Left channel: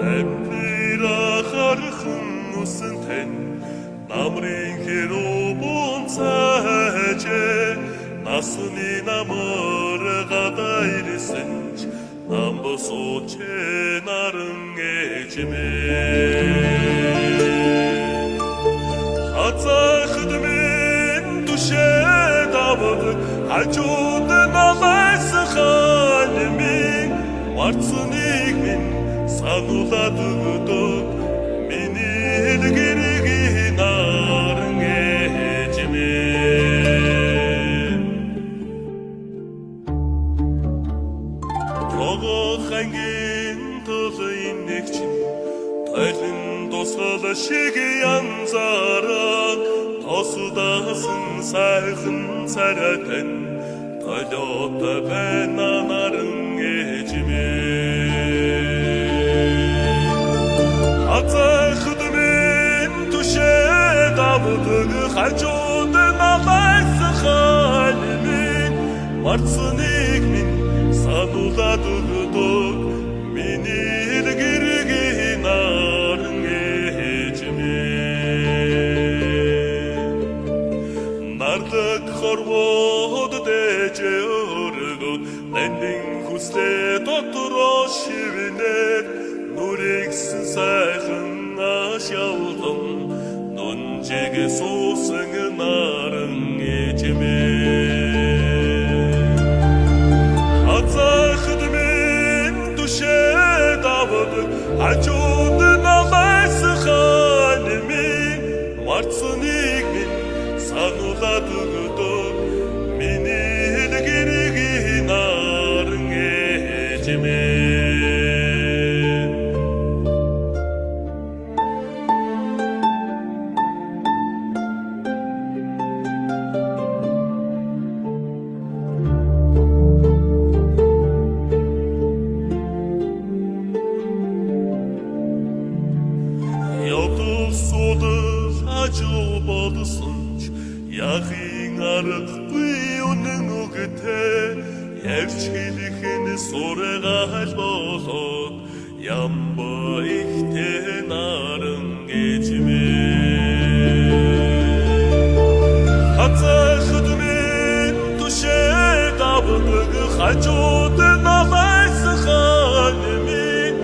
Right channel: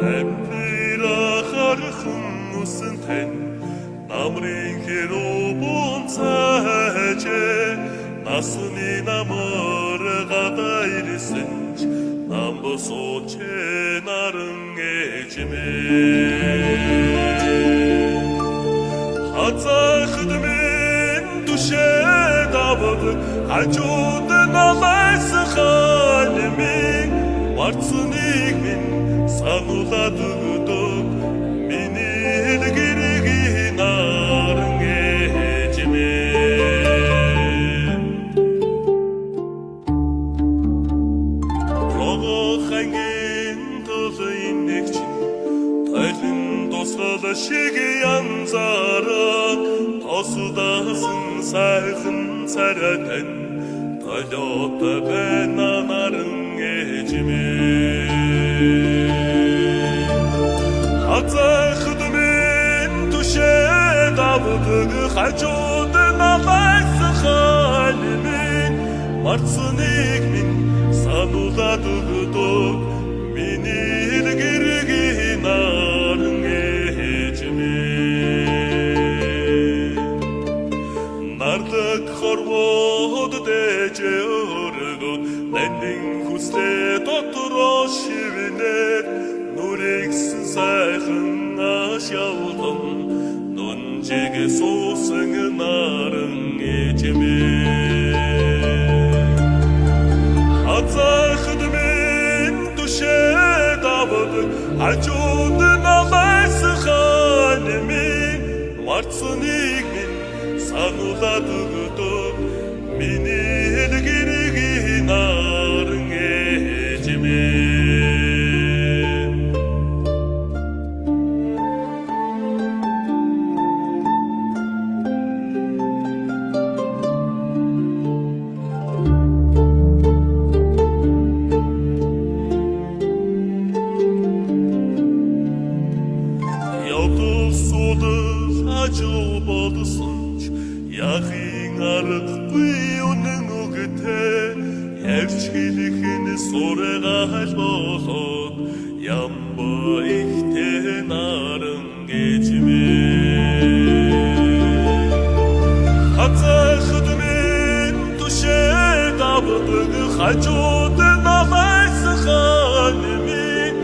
Амнира хархан усан тань намрын хэрүүбун цаажэ насны намар гадайрсэнч намбосочэ наран эжмэ хацахдмэн түшэ давд хажууд намайс ханмин марцныг минь сануулад өгдөг миний гэргийн наран эжмэ хангийн төлөйн нэгчин тойлон тусгал шиг янзараг тосдасан сайхан царайтан тойлот байна наран эжмэ хацахдмэн түшэ давдаг хажууд намайс ханмин марцныг минь сануулад өгдөг миний гэргийн наран эжмэ нардаг хорвоод дэжэ өргөд нандин хүслээ дотроо шивнээд нүрэгсэн сайхан ашялган нунжиг суусан наран эжмэ хацахдмэн түшэ давд хажууд намайс ханмин марцныг минь сануулад өгдөг миний гэргийн наран эжмэ Явдалсуудал хажуу бодсонч яхин аргагүй үнэн үгтэй явж хэлэхэн сургаал болоод ямба ихтэй наран эжмэ хацахдмэн түшэ давдаг хажууд намайс ханмин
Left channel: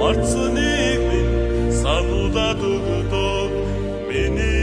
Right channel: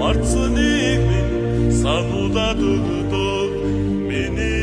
марцныг минь сануулад өгдөг миний